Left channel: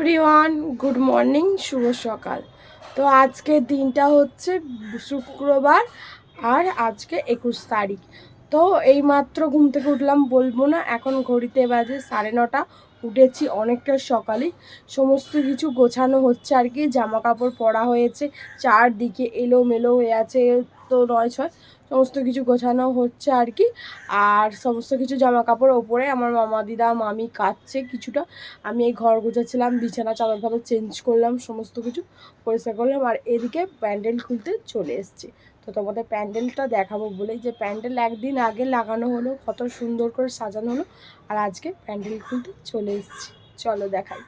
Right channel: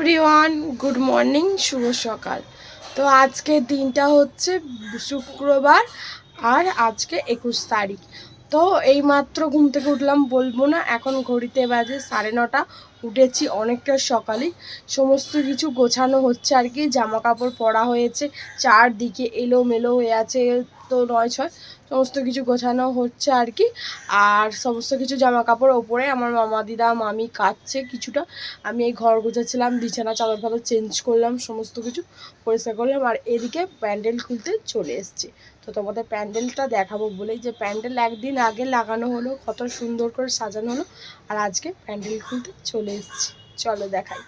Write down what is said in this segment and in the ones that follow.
Everyone, good morning, শুভ সকাল। তো আজকে দিনটা হচ্ছে শুক্রবার আর আজকে একুশ তারিখ। তো এই মাত্র ঘুম থেকে উঠলাম, বলব না, এখন ঘড়িতে বাজে সাড়ে নটা, উঠেছি অনেকটা সকালে। সমস্ত কিছু গোছানো হচ্ছে আর কি জামা কাপড় পরা হয়েছে, চারদিকে এলোমেলো হয়ে আছে তো নয় ছয়, সমস্ত কিছু গোছানো হচ্ছে আর কি। আর সমস্ত কিছু জামা কাপড় ওপরে আমার মামা, দিদা, মামি কাচ্ছে কিছুটা। আমি এই ঘর গোছাচ্ছিলাম, বিছানা, চাদর ফাদর চেঞ্জ করলাম, সমস্ত কিছু পরিষ্কার করলাম। আর এদিকে প্যান্ডেল খুলতে চলে এসেছি। তো তোমাদের প্যান্ডেলটা দেখাবো বলেই যে প্যান্ডেল একদিন আগে লাগানো হলো, কত সুন্দর করে সাজানো হলো। আর আজকে প্যান্ডেল খুলতে চলে এসেছি। চলো দেখাই।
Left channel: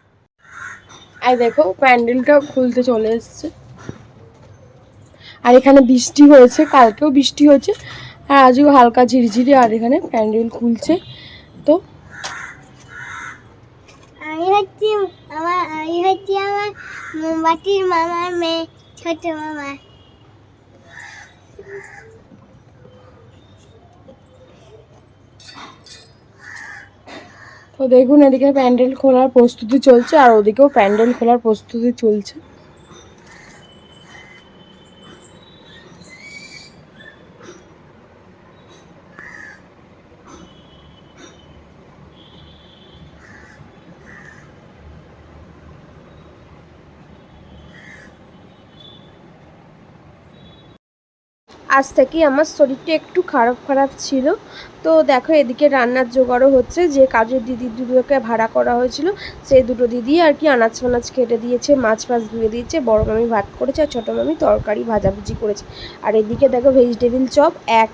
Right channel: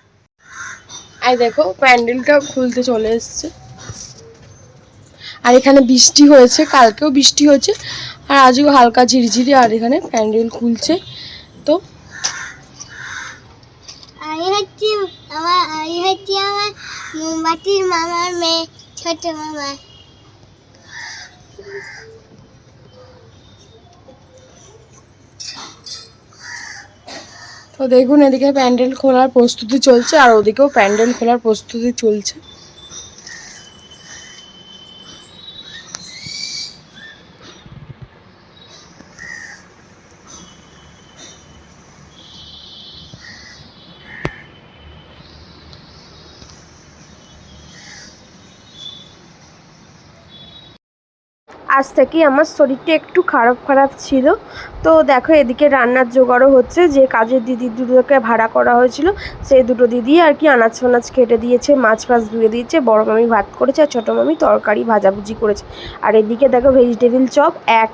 আর দেখো, প্যান্ডেলটা খুলতে চলে এসছে। আর এখানে বৃষ্টি হয়েছে কালকেও বৃষ্টি হয়েছে আর আজও হালকা ঝিরিঝিরি আর এখানে প্যান্ডেল খুলছে তো। আমি হচ্ছি আমার আমি হচ্ছি আমার মোমবাতির মামার মেয়ে ছোট মামা। তো দেখুন এদিকে প্যান্ডেল খোলার প্রস্তুতি চলছে আর ওদিকেও প্যান্ডেল খোলার প্রস্তুতি চলছে। আজ থেকেই আমার শরীরটা একটু খারাপ খারাপ ছিল। তো দেখো এদিকে রান্নার জোগাড়ও হচ্ছে, যে কাজের দিদি দুটোকে ভাড়া করা হয়েছিল, সেই দুটো দিদি আর কি আনাজ ফানাজ কেটে দিয়েছে, মাছ ফাছ ধুয়ে দিয়েছে, বড় মামি ভাত করেছে আর ছোটো মামি তরকারি ভাজাভুজি করেছে। আর এদিকে দেখো ভেজিটেবিল চপ এক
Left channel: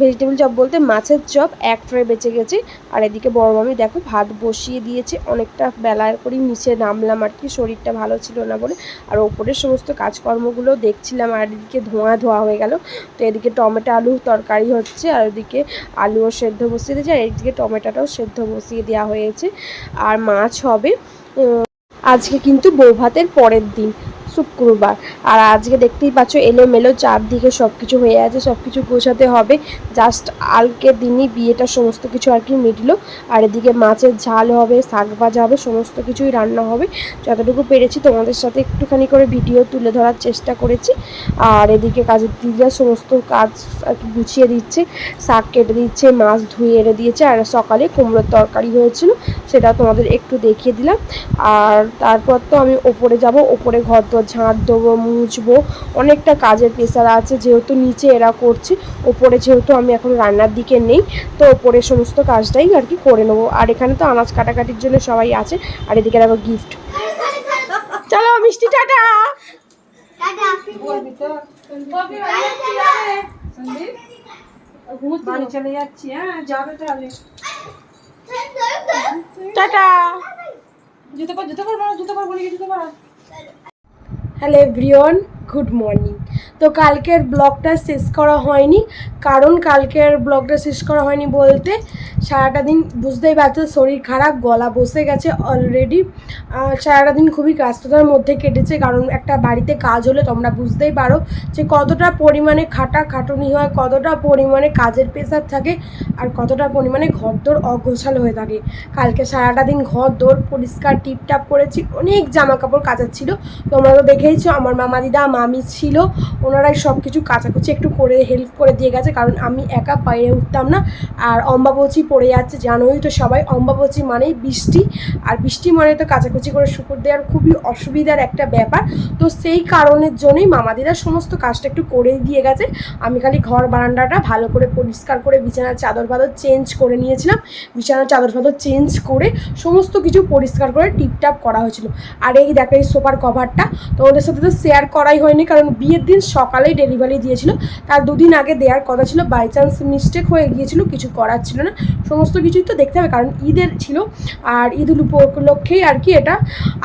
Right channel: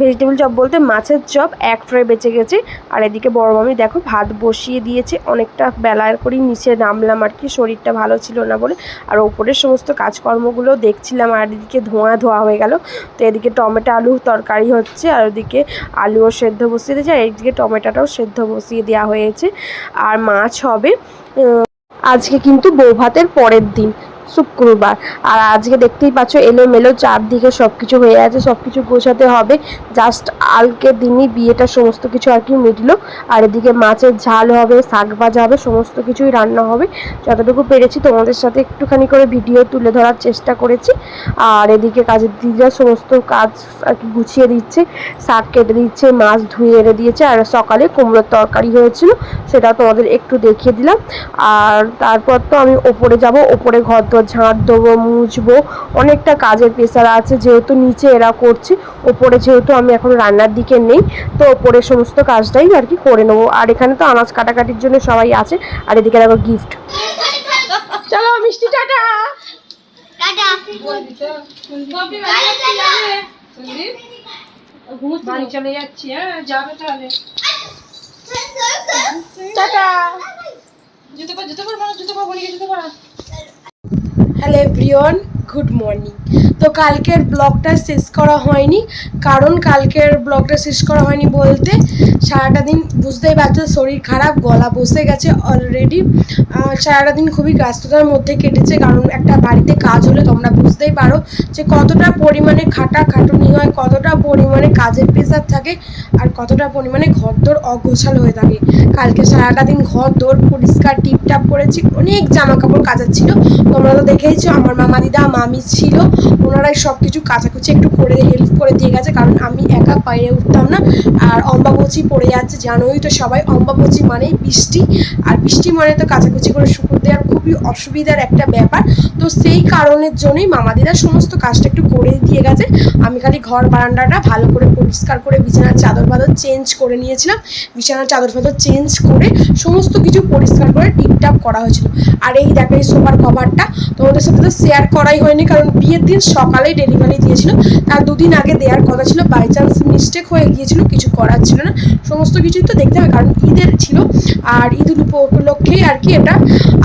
ভেজিটেবিল চপ বলতে মাছের চপ এক ফ্রাই বেঁচে গেছে। আর এদিকে বড় মামি দেখো ভাত বসিয়ে দিয়েছে, অনেকটা বেলার করেই নিচে নামলাম আর কি, শরীরটা ভালো ছিল না বলে। আর ওপরের সমস্ত কাজকর্মগুলো দেখছিলাম আর এদিকে ধোঁয়া ধোয়া হয়ে গেল। তো এদিকে টমেটো আলু তরকারি হচ্ছে আর ওদিকে আলুও সেদ্ধ বসিয়ে দিয়েছে, আর এদিকে টমেটোটাও সেদ্ধ বসিয়ে দেওয়া হয়েছে। আর মাছ হবে আজকে কিন্তু বউ ভাতের পরের দিন। শুক্রবার আর আজকে দেখতেই পাচ্ছ এলোমেলো চারদিকে সব কিছু হয়ে আছে সব কিছু গোছাতে হবে। জাস্ট আলকের দিনই বিয়েটা সমস্ত কিছু আর কি মিটলো। আর এদিকে মাছের ঝাল হবে, শাক ভাজা হবে, সমস্ত কিছুই রান্না হবে। যতটুকু পেরেছি তোমাদের সাথে একটুখানি করে ভিডিও তুলে ধরার চেষ্টা করেছি। আর এদিকে কাজের দিদিরা সমস্ত কাজ আর কি গুছিয়ে দিচ্ছে, শাক কেটে দিচ্ছে, মাছ ধুয়ে এনে দিয়েছে। আর সকালে কুমড়োর তরকারি হয়েছিল, সেটা তোমাদের একটু দেখিয়ে দিলাম। আর তারপর তো আমি ওপরে যাব, ওপরে ঘর ঝাঁট দেবো মুছবো অনেকটা কাজের প্রেশার আছে যেহেতু নিচে এরা করছে ওপরে যেহেতু আমি এখন রান্নার দিকে নেই তো ওপরে সমস্ত কাজটাই আর কি করে নেব। আর এখানে তো আনাজ কাটাকাটির জন্য সবাই আছে আর এদিকে দেখো গিফট চলো মিষ্টি টাটা! টাটা। চলে যাচ্ছি হ্যাঁ যাবে তাহলে। টাটা। জুতো পর জুতো পর জুতো পর বলি জুতো পর? হ্যালো এভরিওয়ান গুড মর্নিং তো কালকের ব্লগটা শেষ করা হয়নি। কারণ কালকের ব্লগটা শেষ করা হয়নি বলতে সারাটা দিন বুঝতেই পারছ শরীর খারাপ, গলা বসে গেছে অলরেডি সারাটা দিন খুবই ব্যস্ততার মধ্যে কেটেছে কারণ একটা বাড়িতে কাজ হলে তোমরা বুঝতেই পারো যে কতটা পরিমাণে খাটা খাটুনি হয়, কতটা পরিমাণে কাজের প্রেশার থাকে আর কতটা পরিমাণে ঘরদোর অগোছাল হয়ে থাকে। কালকে সারাটা দিন ঘর দোর পরিষ্কার টিপটাপ করেছি, অনেক জামা কাপড় কাচার ছিল। তোমরা তো দেখেইছো আমার মামা দিদা, মামি ছিল ওনারাই সব কিছু কাচাকুচি একটু করে হেল্প করে দিয়ে গেছে, কারণ আমি একা পায়ে উঠতাম না। আর অম্বাবচি পড়ে যাচ্ছে, জানোই তো সবাই অম্বাবচি মানেই বৃষ্টি। আর বৃষ্টি মানে তো কাচাকুচি করে শুকুর দেওয়ার খুবই অসুবিধার একটা ব্যাপার। তো সেই কারণের জন্যই মামাদিরা সমস্ত কাজটা একটু করে দিয়ে গেছে। আমি খালি ঘর বারান্দাটা ভালো করে পরিষ্কার করে বিছানার চাদর ফাদর চেঞ্জ করে নিয়েছিলাম। বিছানার চাদর ফাদর চেঞ্জ করে সমস্ত কিছু পরিষ্কার করে টিপটাপ করা হয়েছিল। আর এই দেখো, এই সোফার কভারটা তোমাদের সাথে তো শেয়ার করাই হয়নি, কারণ বিয়ের দিন সকালেই ডেলিভারি দিয়েছিল। তার দুদিন আগে দেওয়ার কথা ছিল বাই চান্স মিস্টেক হয়ে গিয়েছিল, কিছু করার ছিল না। সমস্ত কিছুই তো দেখতে হবে, কারণ ঈদের ছিল, আর ঈদ উপলক্ষেই আর কি এটা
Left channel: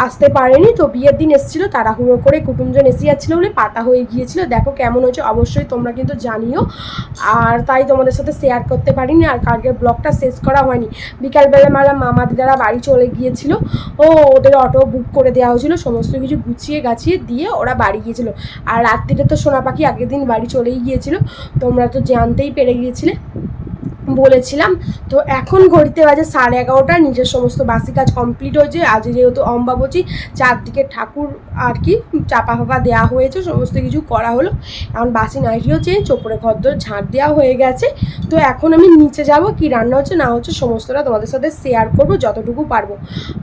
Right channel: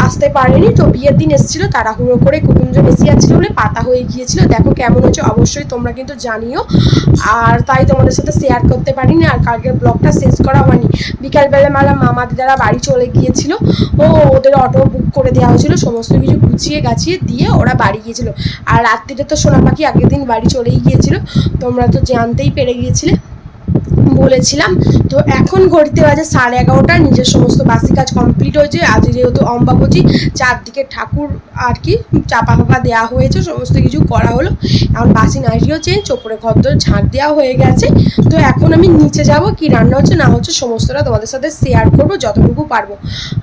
আসতে পারেনি। তো বিয়ের দিন এসেছিল, তাড়াহুড়ো করে কুটুমজন এসে যাচ্ছিল বলে পাতা হয়ে গিয়েছিল। দেখো কেমন হচ্ছে অবশ্যই তোমরা কিন্তু জানিও। আর তাই তোমাদের সাথে শেয়ার করতে পারিনি, আর কালকের ব্লগটা শেষ করা হয়নি। বিকালবেলা মালা মামা দিদারা বাড়ি চলে গিয়েছিল। ও ওদের অটো বুক করে দেওয়া হয়েছিল, সমস্ত কিছু গুছিয়ে গাছিয়ে দিয়ে ওরা বাড়ি গিয়েছিল। আর রাত্রিতে তো সোনা পাখি আগের দিন বাড়ি চলেই গিয়েছিল। তোমরা তো জানতেই পেরে গিয়েছিলে। বলেছিলাম। তো এখন ঘড়িতে বাজে সাড়ে এগারোটা, নিজের সমস্ত বাসি কাজ কমপ্লিট হয়েছে। আজ যেহেতু অম্বাবচী চারদিকে ঠাকুর আর কি চাপা ফাপা দেওয়া হয়েছে, সমস্ত কিছু করা হলো। এখন বাসি নাইটিও চেঞ্জ, ওপরে ঘরদোর ঝাঁট দেওয়া হয়ে গেছে। তো এখন আমি নিচে যাব, কি রান্না হচ্ছে না হচ্ছে সমস্তটা তোমাদের সাথে শেয়ার করব যতটুকু পারব।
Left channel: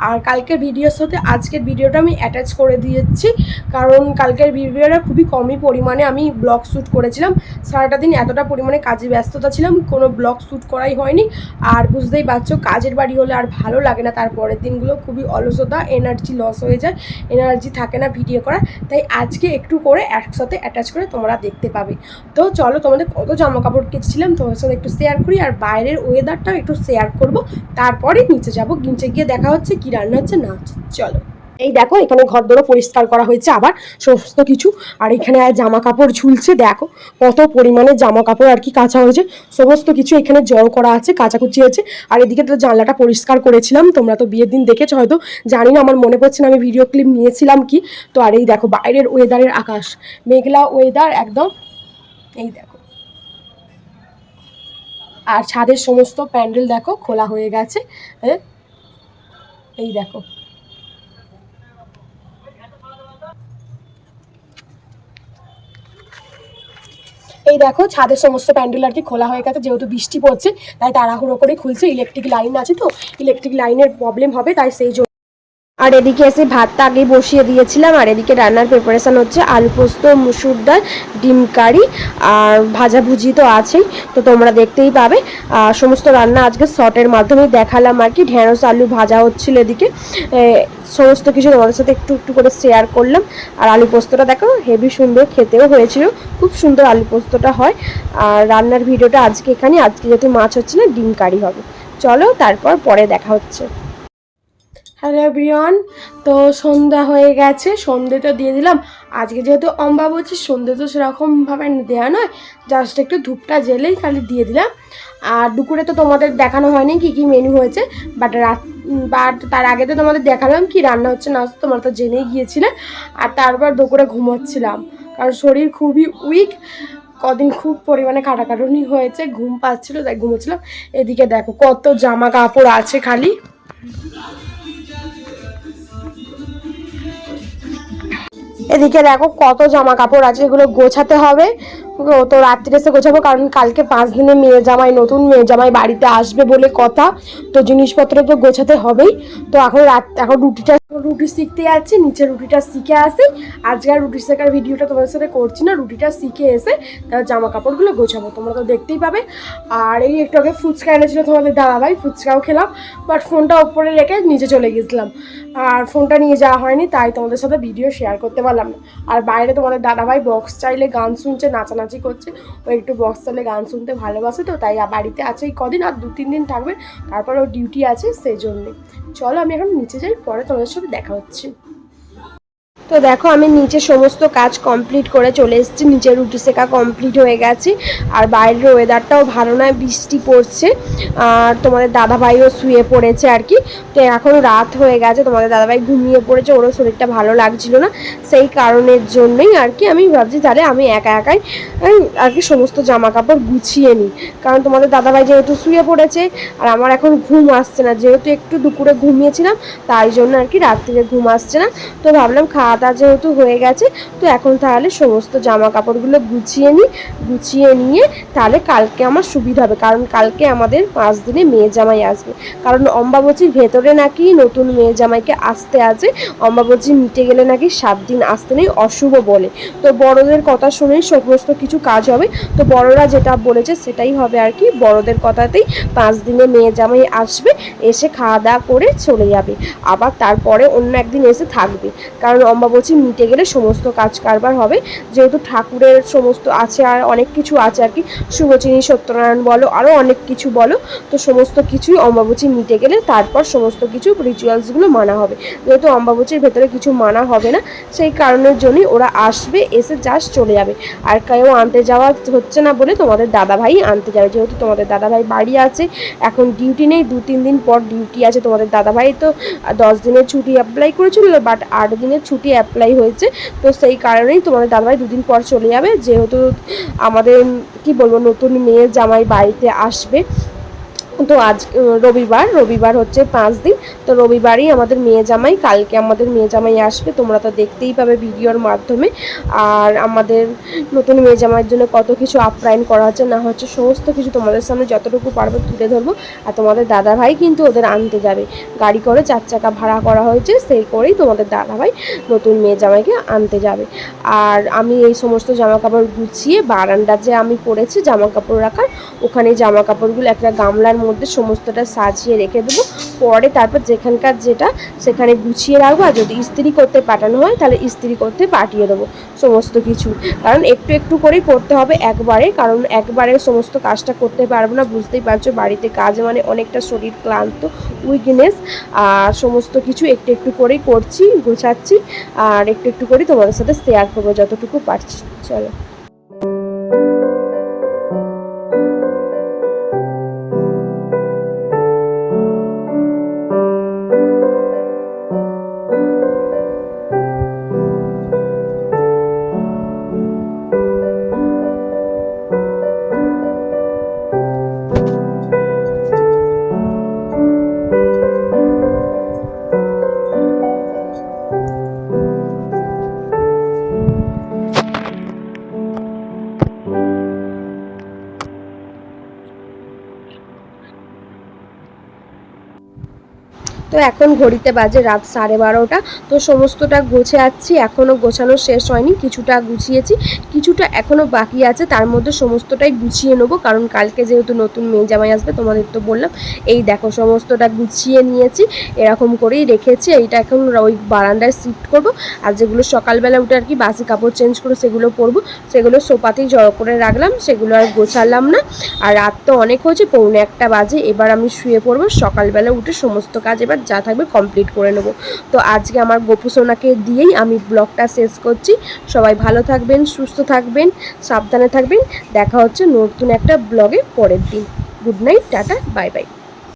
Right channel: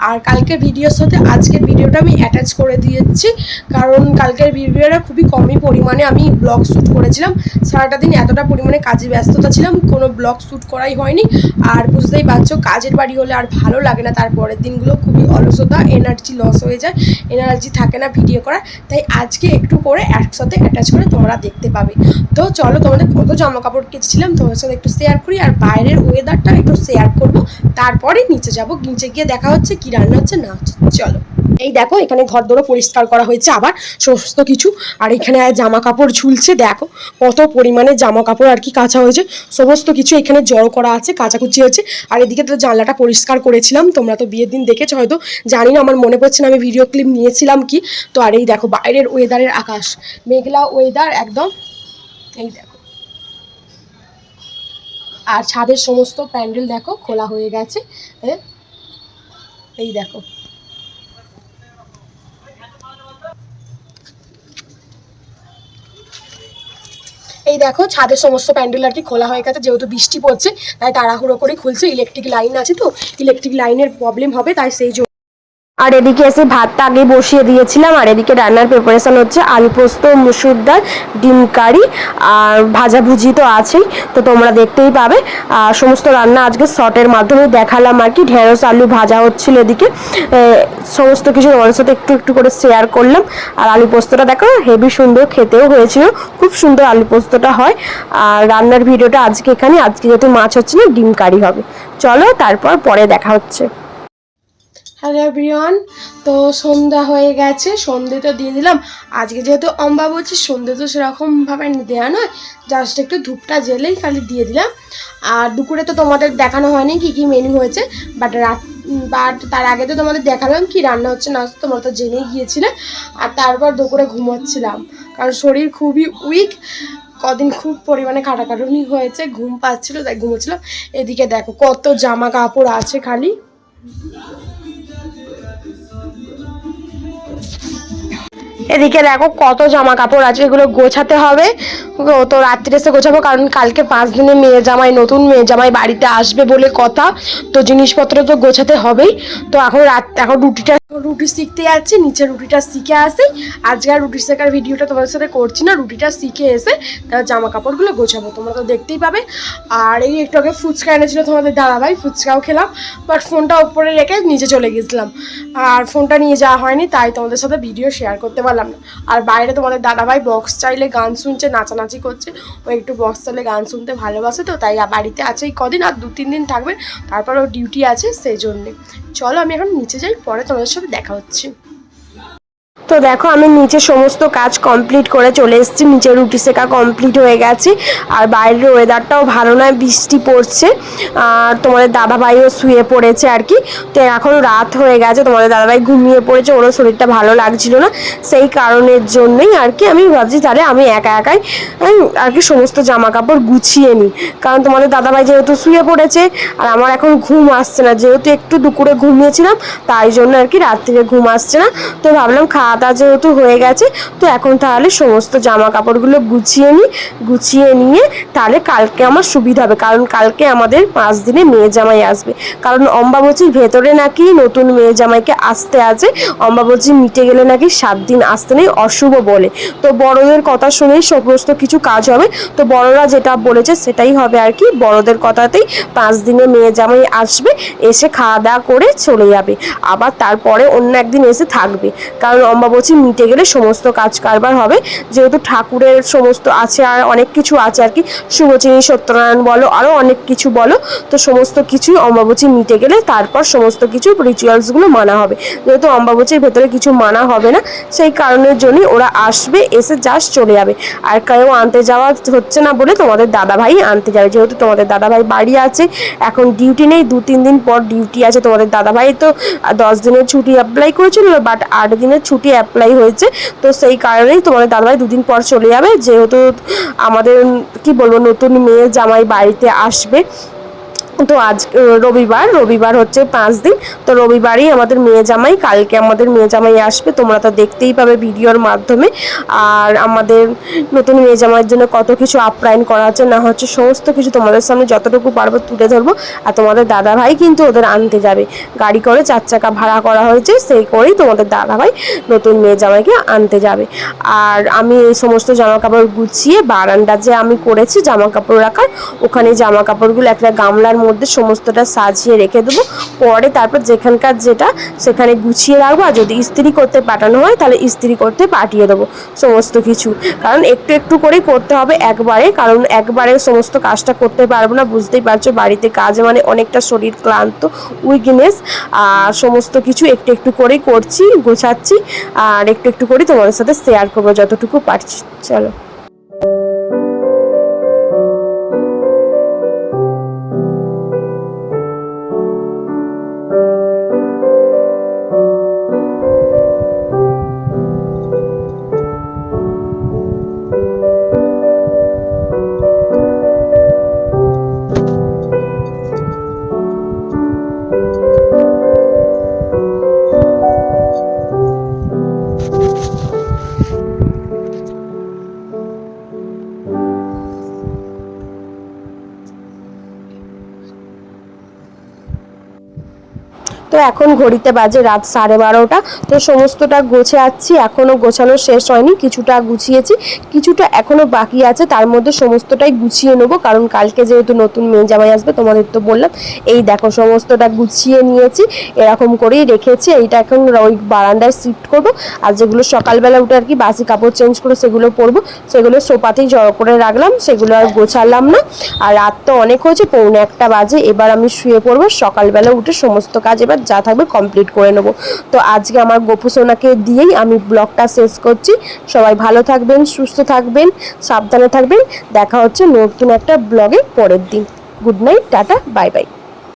আর কালকের ভিডিওর সাথে আজকের ভিডিওটা আমি অ্যাটাচ করে দিয়েছি, কারণ কালকের ভিডিওটা খুবই কমই পরিমাণে আমি ব্লগ শ্যুট করেছিলাম। সারাটা দিন এতটা পরিমাণে কাজে ব্যস্ততা ছিলাম, কোনো ব্লগ শ্যুট করাই হয়নি। আর বুঝতেই পারছ, কাজের বাড়ি হলে আর ভালো লাগে না। তারপরের দিনগুলো খুবই অলসতা এনার্জি লস হয়ে যায় এনার্জি থাকে না ভিডিও করার। তাই আজকে একটু করে একসাথে অ্যাটাচ করে তোমরা দেখতে পাবে। তো চলো, তোমাদের কত জামা কাপড় কেচেছিলাম, তোমাদের সাথে একটু শেয়ার করি। আর বাইরের ওয়েদারটাও একটু শেয়ার করব। তারপরে নিচে যাব। নিচে গিয়ে দেখা হচ্ছে কি রান্না হচ্ছে, না হচ্ছে, চলো। এই দেখো এখানে ঘর দোরও পরিষ্কার করা হয়েছে আবার সমস্ত কিছু। আর এখানে জামা কাপড় ঝুলছে দেখো কত পরিমাণে জামা কাপড় আর কি কাঁচা হয়েছে। সমস্ত কিছু এখানে জড়ো করা আছে কাচাকুচি হয়েছে। আর এদিকে তো জানলাটা পরিষ্কার করেছিলাম তোমরা তো বিয়ের দিন দেখেছ হয়তো জানি না আমার মনে পড়ছে না আমি ভিডিও ক্লিপ নিয়েছিলাম কি। তো আর এই দেখো বাইরের ওয়েদারের আকাশ মেঘলা ওয়েদার একদম। এই দেখো। আর ছাদের সমস্ত প্যান্ডেল দেখো খোলা হয়ে গেছে এ, এই দেখো। এই দেখো, ছাদের সমস্ত প্যান্ডেল আর কি খোলা হয়ে গেছে, যেহেতু বৃষ্টি পড়ছে, তাই তাড়াহুড়ো করে খুলছে ইলেকট্রিক লাইন আছে তো ইলেকট্রিক লাইনের প্রবলেম হবে, তাই সেই জন্য আর এদিকে এসে ভাতটা আগে বসিয়ে দিয়েছিলাম, আর এদিকে রান্নার প্রিপারেশন হচ্ছে আলু পোস্ত, মুসুর ডাল, ডিম কারি, আর ভাজাভুজি তো আছেই, তো তোমরা দেখতেই পাবে। আর সমস্ত রান্না আজকে শর্টের মাধ্যমে দেখালাম আর কি, ঢেঁড়স, আলু ভাজা হচ্ছিল এদিকে। সমস্ত কিছু তোমাদের সাথে একটু একটু করে শেয়ার করলাম। আর আলু পোস্তটা দেখো হেভি সুন্দর খেতেও হয়েছিল, খুব সুন্দর আলু পোস্তটা হয়। আর রান্নার ভিডিওটা আজকে এখানে আজকে যেহেতু মাছ হচ্ছে না, ডিম কারি হবে। চলো তারপর পরে দেখা হচ্ছে। হ্যালো এভরিওয়ান, তো সন্ধ্যা হয়ে গেছে সন্ধে তো দিয়ে দিলাম। আজকে যেহেতু অম্বা বলছি সন্ধে তো সেরকমভাবে দেওয়া নয় জাস্ট একটু ধূপটা জেলেই খালি দিয়ে দিলাম। আর দুপুরে তো তোমাদের দেখানো হয়নি কি কি মেনু হয়েছে বাট রাত বাট তার আগে তো তোমাদের দেখালাম কি রান্না হচ্ছে না তোমরা তো জেনেই গিয়েছিলে। আর তারপর দুপুরে ঘুমোচ্ছিলাম, কারণ শরীর খুবই উইক কদিন খুব পরিমাণে কাটাকাটুনি হয়েছে, ঘুম পাচ্ছিল, তাই ঘুমোচ্ছিলাম। এদিকে দেখো কত জামা কাপড় আছে খালি। এদিকে দেখো কত জামা কাপড় আছে, এগুলো গোছাতে হবে। তো রাত্রে এসে গোছাবো, কারণ কালকে পাঁচ দিনে মেয়ে জামাই, নতুন মেয়ে জামাই বাড়িতে আসবে বলে কথা। তো জিনিসপত্র তো গোছাতে হবেই। তো এখন রাত এখন রুটিটা রুটি শিখতে যাচ্ছি, নিচে রুটিটা শিখে আসি। আজকে আর রুটি শেখার ভিডিওটা তোমাদের সাথে করছি না, রুটিটা শিখে এসে তার জামা কাপড়গুলো গোছাবো, তোমরা তো দেখতেই পাবে। আর এই একটু আগে ফুচকা এনেছিলো তোমাদের দাদাভাই, ফুচকাও খেলাম বাট ফোনটা ওপরে রেখে নিচে চলে গেছিলাম। আর ফোনটা নিয়ে যাওয়া হয়নি, তাই তোমাদের সাথে ভিডিও শেয়ার করতে পারলাম না। আর বাইরে তোমাদের দাদাভাই বক্স চাইলে গান শুনছে, নাচানাচি করছে। ও একটু বক্স চাইলে গান শুনতে ভালোবাসে তো, তাই বাড়িতে আছে এই কদিন, আর দু তিন দিন থাকবে। তারপর ও ডিউটি আছে সেই জন্যে চলো আমি এখন নিচে যাই, পরে তোমাদের সাথে দেখা হচ্ছে। তো দেখো, আমি নিচে সমস্ত কাজ কমপ্লিট করে চলে এসেছি। নিচে রুটি সেকা কমপ্লিট হয়ে গেছে। আর বাইরের ওয়েদারটাও ভালো নয়, বৃষ্টি পড়ছে। আর তোমাদের দাদাভাইও শুয়ে পড়েছে আর কি। তো এখন রাত হয়ে গেছে, তোমাদের দাদাভাই ঘুমিয়ে পড়েছে, ওরও শরীরটা ভালো লাগছিল না। সেই কারণের জন্যই আর কি আমি ভাবছি, তাহলে আমি একা একাই আর কি সমস্ত জামা কাপড় গুছিয়ে নিই। কারণ তোমাদের দাদাভাই যেহেতু শুয়ে পড়েছে, আর আমার এখন ঘুম আসছে না। যেহেতু একটু দুপুরে ঘুমিয়েছিলাম, তাই জন্য আর কি রাত্রিরে ঘুম আসছে না। তো ভাবলাম খাওয়া দাওয়া যেহেতু হয়ে গেছে, তো এখন তাহলে সমস্ত জামা কাপড়গুলো গুছিয়ে নিই গুছিয়ে নিয়ে তাহলে কালকে আমার সুবিধা হবে, কারণ কালকে আমাদের পাঁচ দিনে মেয়ে জামাই আসবে। কারণ অম্বাবচীর ভেতরে নাকি নতুন মেয়ে জামাইকে আসতে আছে অম্বাবচী মিটে গেলে নাকি সাত দিন আসতে নেই, অশুভ বলে। তো বড়দের কথা শুনেই সমস্ত কিছু কাজ হবে, তো বড়রা যেটা বলেছে সেটাই হবে আর কি, বড়দের কথাতেই পাঁচ দিনে মেয়ে জামাই আসবে, এসে খাওয়া দাওয়া করে চলে যাবে, আবার তারপরে অন্য একদিন এসে থাকবে। কারণ অম্বাবচী মিটে গেলে সমস্ত কাজ কারবার হবে। যেহেতু ঠাকুরের সমস্ত আছে আর অনেক কিছু আছে আর কি, শুভচিনী, সত্যনারায়ণ বলো আরও অনেক কিছু বলো, তো সমস্ত কিছুই অম্বাবচী মিটে গেলে তারপর সমস্ত কিছু রিচুয়ালসগুলো মানা হবে। যেহেতু অম্বাবচীর ভেতরে কিছু মানা হবে না, সেই কারণের জন্যই ওরা আসবে, এসে জাস্ট চলে যাবে। আর কেউ আনতে যাওয়া হচ্ছে না বলে তোমাদের দাদাভাই আনতে যাবে। যেহেতু তোমাদের দাদাভাই বাড়ি আছে, এখন ডিউটি নেই, দু তিন দিন পর ডিউটি আছে তোমাদের দাদাভাই, তো দশ দিনের ছুটি অ্যাপ্লাই করেছিল বাট আট দিনের ছুটি অ্যাপ্লাই হয়েছে। তো সেই কারণেই তোমাদের দাদাভাই দুদিন পর চলে যাবে। যেহেতু আমাদের, কি বলব, নতুন মেয়ে জামাই বাড়িতে আসবে। তো আজ রবিবার রবিবার হচ্ছে পাঁচ দিন। তো রবিবারই আমাদের মেয়ে জামাই, কালকে আমাদের মেয়ে জামাই আসবে, তোমরা তো দেখতেই পাবে ভিডিওর মাধ্যমে। আর আমাদের নতুন মেয়ে জামাইয়ের জন্য কত কিছু আপ্যায়ন করা হচ্ছে না হচ্ছে সমস্ত কিছু তোমাদের সামনে যতটুকু পারব তুলে ধরবো। আর তোমাদের দাদা ভাই কিন্তু ওদের আনতে যাবে। গাড়ি করে চার চাকা ভাড়া করা হয়েছে, সেই করেই তোমাদের দাদা ভাই নতুন মেয়ে জামাইকে আনতে যাবে। আর আমি এই সমস্ত জামা কাপড় গুছিয়ে বারান্দা যে আমি করেছি জামা কাপড় রাখার, ওখানে জামা কাপড়গুলো একটা গামলার মধ্যে সমস্তটা সাজিয়ে রেখে দেবো। পরে তারপর যেখানকার যেটা, সেখানে গুছিয়ে রাখব। আর যদি ইস্ত্রি করতে পাঠানো হয়, তাহলে ইস্ত্রি করতে পাঠিয়ে দেবো সমস্ত কিছু। কারণ একটু একটু করেই করতে হবে একবারে। কারণ একবারে সমস্ত কাজটা করতে পারব না। বুঝতেই পারছ, বাড়িতে কাজ মানে অনেকটা শরীর ক্লান্ত, উইকনেস। আর সমস্ত কিছু একটু একটু করেই করছি, গোছাচ্ছি। আর একটু একটু করে তোমাদের সাথে শেয়ার করব যতটুকু পারছি। চলো। তো এখন ঘড়িতে বাজে রাত সাড়ে বারোটা। তো সমস্তটা গোছে গোছাচ্ছি এখনও গোছানো শেষ হয়নি, কিছুটা গুছিয়েছি, কিছুটা এখনও বাকি আছে, তার মধ্যে সমস্তটাই গুছিয়ে নেব, কারণ কালকে যেহেতু নতুন মেয়ে জামাই আসবে, তোমাদের তো বললাম, এই দেখো সমস্তটা গুছিয়ে নিয়েছি, এরকম করেই রেখেছি, এইটা এখন ওই বারান্দায় শিফট করব, আর যেগুলো সকালবেলা উঠে আর কি বাসি কাপড় চেঞ্জ করে সেগুলো পরবো, সেগুলো সোপাতেই জড়ো করে রাখলাম, সেগুলো আর গোছালাম না, আর রাত তো অনেক হয়েছে, পৌনে একটা বাজে, এবার আমি শুয়ে পড়ব, সকালবেলা উঠে সমস্ত কাজ এবার যা থাকবে কমপ্লিট করে নেব। তো আজকে আমার গোপু সোনাকে দিয়েই আমি ব্লগটা শেষ করছি। সবাই ভালো থাকবেন, সুস্থ থাকবেন, সাবধানে থাকবেন। দেখা হচ্ছে নতুন একটা ব্লগে পরের দিন। Good night tata bye bye